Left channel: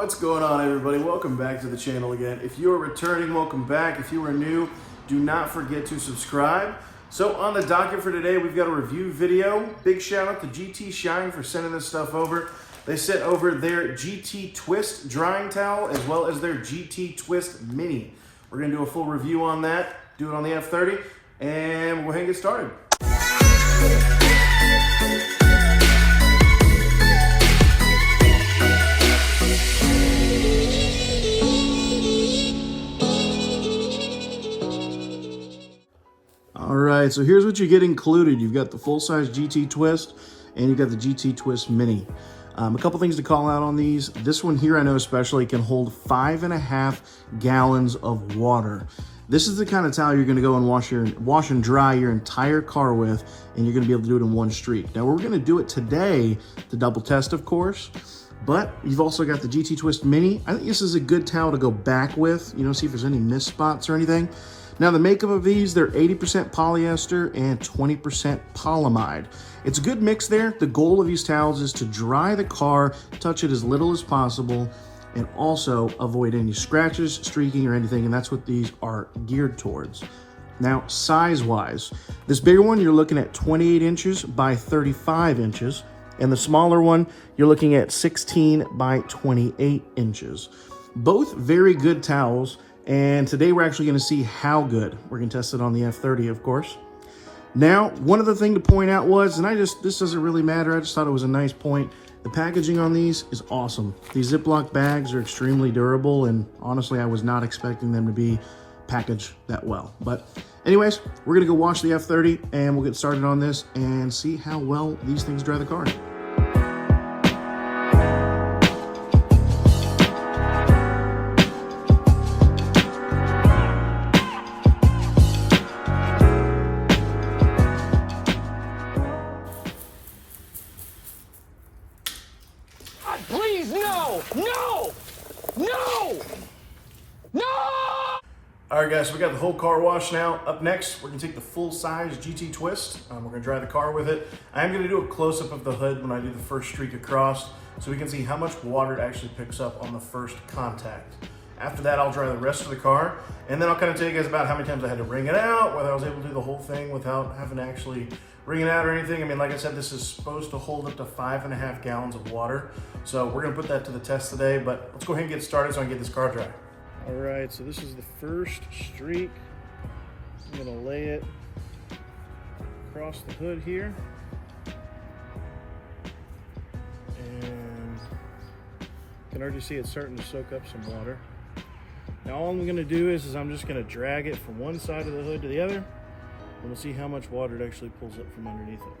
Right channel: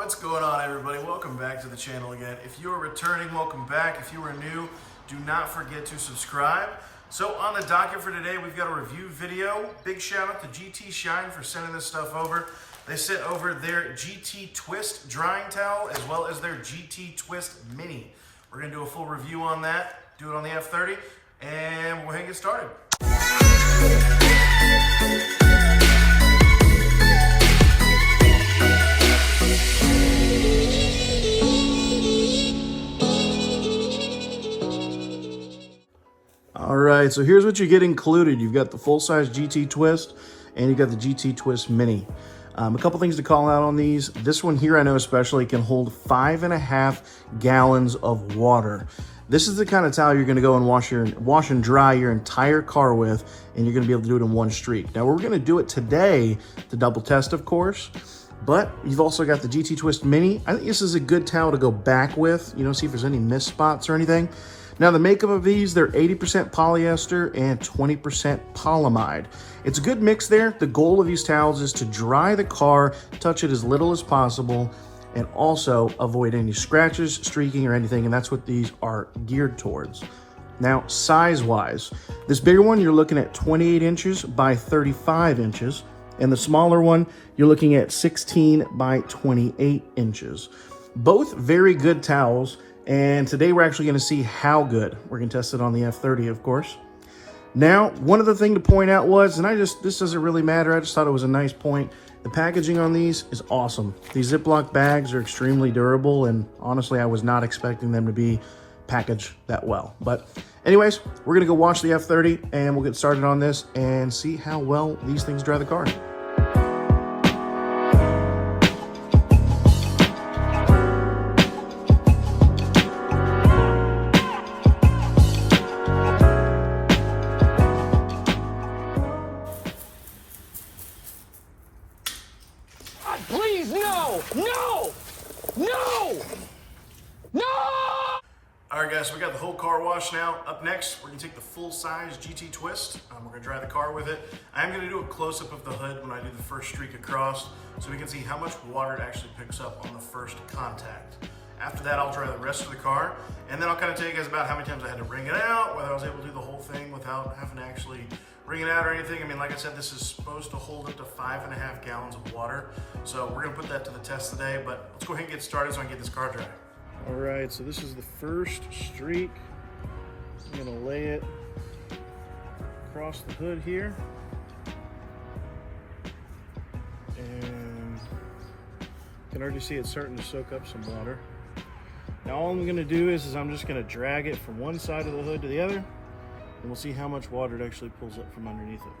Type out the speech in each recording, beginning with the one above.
What's going on, everybody? Welcome back to the channel again. If you are returning, welcome back. If you are new, do not forget to subscribe. So on the docket for today, we've got a review video. Big shout out to GT Shine for sending this stuff over. They sent over their GT Twist drying towel as well as their GT Twist Mini. We're gonna do a full review on that, do it on the F30, and we'll go ahead and get started. All right, so here's what you get included. You've got the full-size GT Twist, and you've got the GT Twist Mini. A couple things to call out on these. This one here, I know especially, can hold 5.5 gallons of water. This is the kind of towel you're gonna go and wash and dry your entire car with, and you're gonna be able to do it in one streak. Now, we're gonna do it today to double test, of course, but you've also got the GT Twist Mini. I think this is a good towel to go back with, see if there's any mist spots or anything. Now, the makeup of these, they're 80% polyester and 20% polyamide. It's a good mix there. The goal of these towels is to dry the car, touch it as little as possible, and also avoid any scratches, streaking, or anything, and that's what these are geared towards. Now, size-wise, this bigger one, you're looking at 28 inches by 35 inches, and the smaller one, you're looking at 16 by 28 inches. Both very good towels. And today we're actually going to see how good. We're going to test it on the F30, of course. Now, one other thing to point out was, and this doesn't really matter, I just thought it was a nice point. The packaging on these is awesome. These Ziploc bags are extremely durable, and honestly, I was not expecting them to be packaged that well. But anyways, we're going to go wash the F30, and we'll get started on this and see how well these things dry the car. Please, no! No! No! No! All right, guys, so we got the whole car washed now. Up next, we're gonna take the full-size GT Twist. We're gonna dry the car with it. I am gonna do a close-up of the hood when I do the first streak across, so we can see how much water it actually picks up on the first contact. After that, I'll dry the rest of the car, and then I'll kind of tell you guys about how many times I had to wring it out, whether I was able to do the whole thing without having to actually wring it out or anything. I mean, like I said, this is supposed to hold up to 5.5 gallons of water. So we're gonna put that to the test today, but let's go ahead and get started so I can get this car dry. All right, so this is the first streak. I'm gonna lay it across the hood here. And you can already see it's starting to soak up some water. Now all I'm gonna do is I'm just gonna drag it from one side of the hood to the other, and we'll see how much water it actually pulls up from underneath it.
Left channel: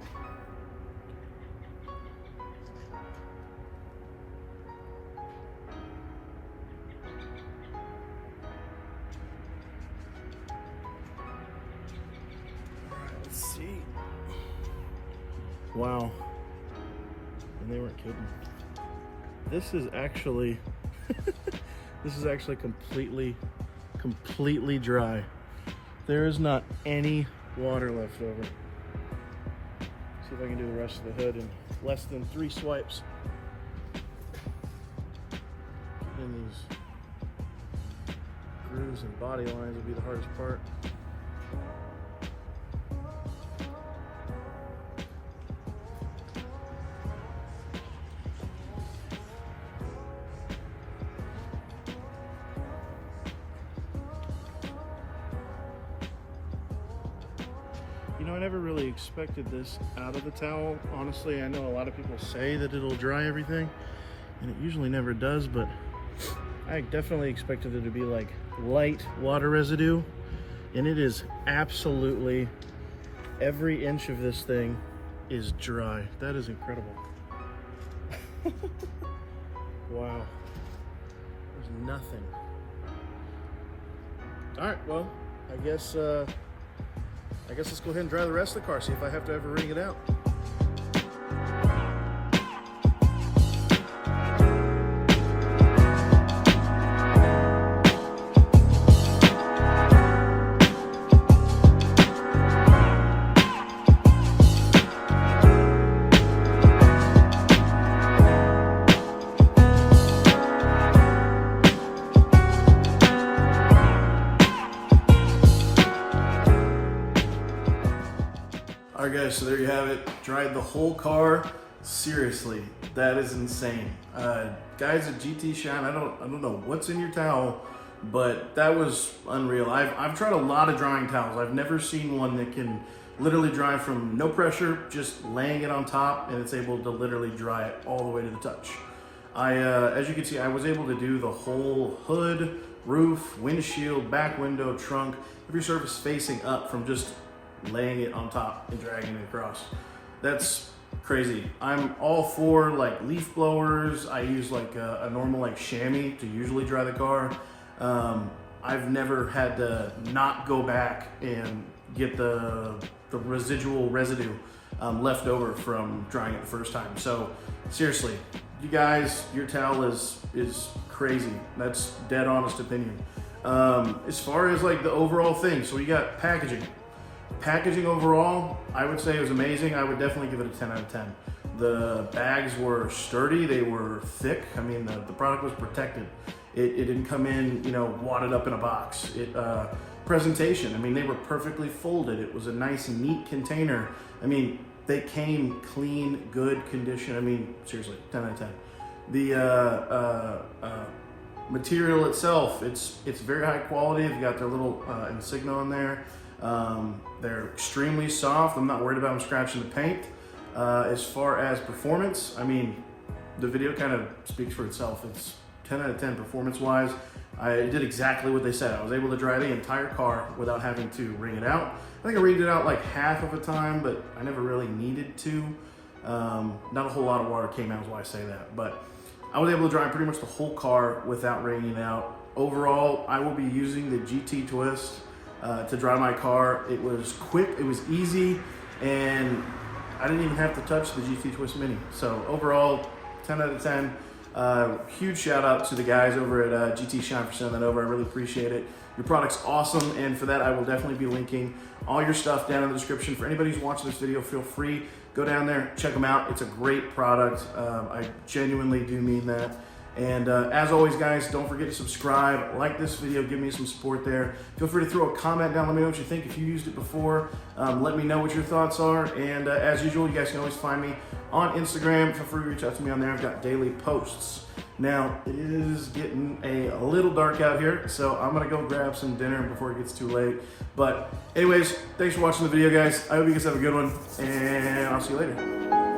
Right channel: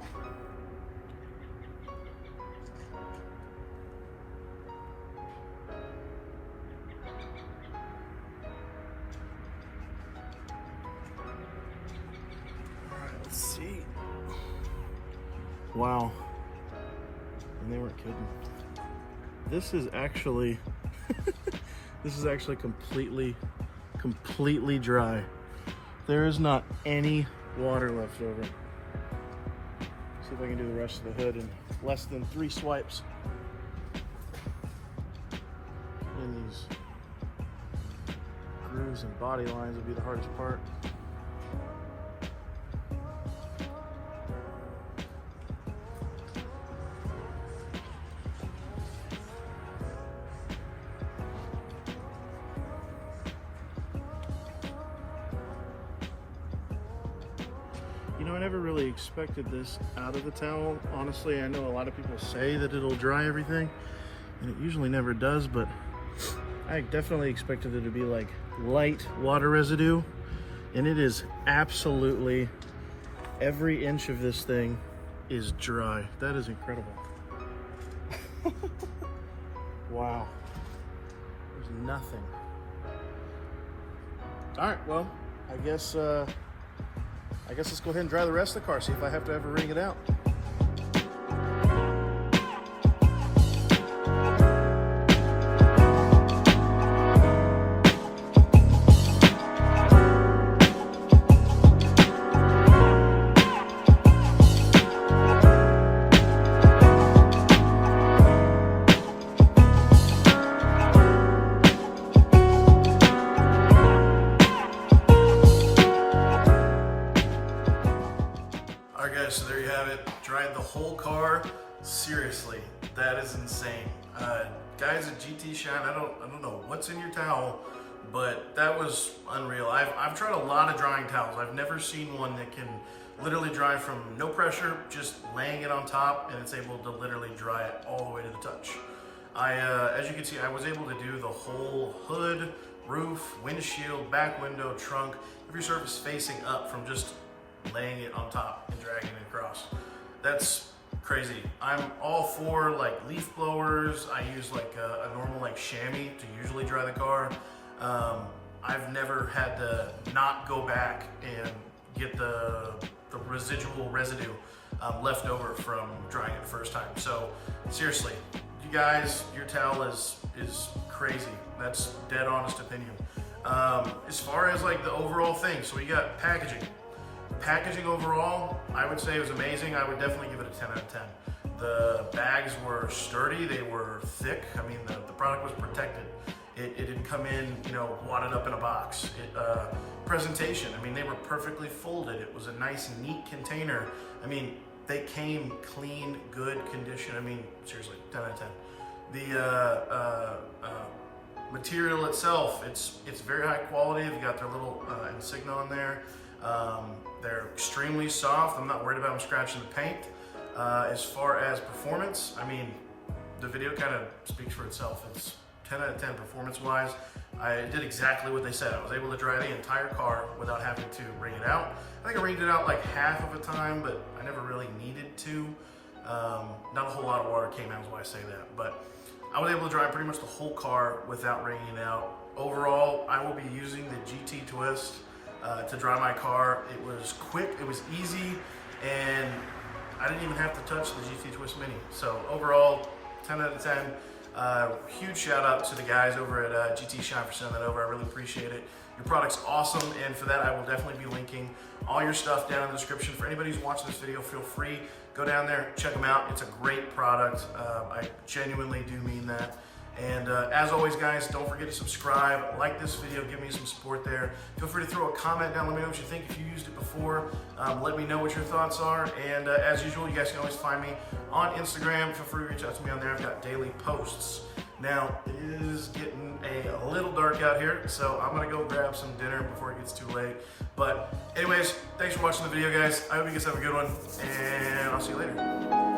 Let's see. Wow. And they weren't kidding. This is actually this is actually completely dry. There is not any water left over. See if I can do the rest of the hood in less than 3 swipes. And these grooves and body lines will be the hardest part. I never really expected this out of the towel. Honestly, I know a lot of people say that it'll dry everything, and it usually never does, but I definitely expected it to be like light water residue, and it is absolutely every inch of this thing is dry. That is incredible. Wow. There's nothing. All right, well, I guess let's go ahead and dry the rest of the car, see if I have to ever wring it out. All right, guys, so there you have it. Dried the whole car. Seriously, that is insane. Guys at GT Shine, I don't know what's in your towel, but that was unreal. I've tried a lot of drying towels. I've never seen one that can literally dry from no pressure, just laying it on top, and it's able to literally dry it all the way to the touch. As you can see, I was able to do the whole hood, roof, windshield, back window, trunk, every surface facing up from just laying it on top and dragging it across. That's crazy. I'm all for like leaf blowers. I use like a normal like chamois to usually dry the car. I've never had to not go back and get the residual residue left over from drying it the first time. So seriously, you guys, your towel is crazy. That's dead honest opinion. As far as like the overall thing, so we got packaging. Packaging overall, I would say it was amazing. I would definitely give it a 10 out of 10. The bags were sturdy, they were thick. I mean, the product was protected. It didn't come in, you know, wadded up in a box. Presentation, I mean, they were perfectly folded. It was a nice, neat container. I mean, they came clean, good condition. I mean, seriously, 10 out of 10. The material itself, it's very high quality. They've got their little insignia on there. They're extremely soft. I'm not worried about them scratching the paint. As far as performance, I mean, the video kind of speaks for itself. It's 10 out of 10 performance-wise. I did exactly what they said. I was able to dry the entire car without having to wring it out. I think I wringed it out like half of a time, but I never really needed to. Not a whole lot of water came out is why I say that, but I was able to dry pretty much the whole car without wringing it out. Overall, I will be using the GT Twist to dry my car. It was quick, it was easy, and I didn't even have to touch the GT Twist Mini. So overall, 10 out of 10. Huge shout out to the guys over at GT Shine for sending that over. I really appreciate it. Your product's awesome, and for that I will definitely be linking all your stuff down in the description. For anybody who's watching this video, feel free, go down there, check them out. It's a great product. I genuinely do mean that. And as always, guys, don't forget to subscribe, like this video, give me some support there. Feel free to throw a comment down, let me know what you think if you used it before. Let me know what your thoughts are. And as usual, you guys can always find me on Instagram. Feel free to reach out to me on there. I've got daily posts. Now, it is getting a little dark out here, so I'm gonna go grab some dinner before it gets too late. But anyways, thanks for watching the video, guys. I hope you guys have a good one, and I'll see you later.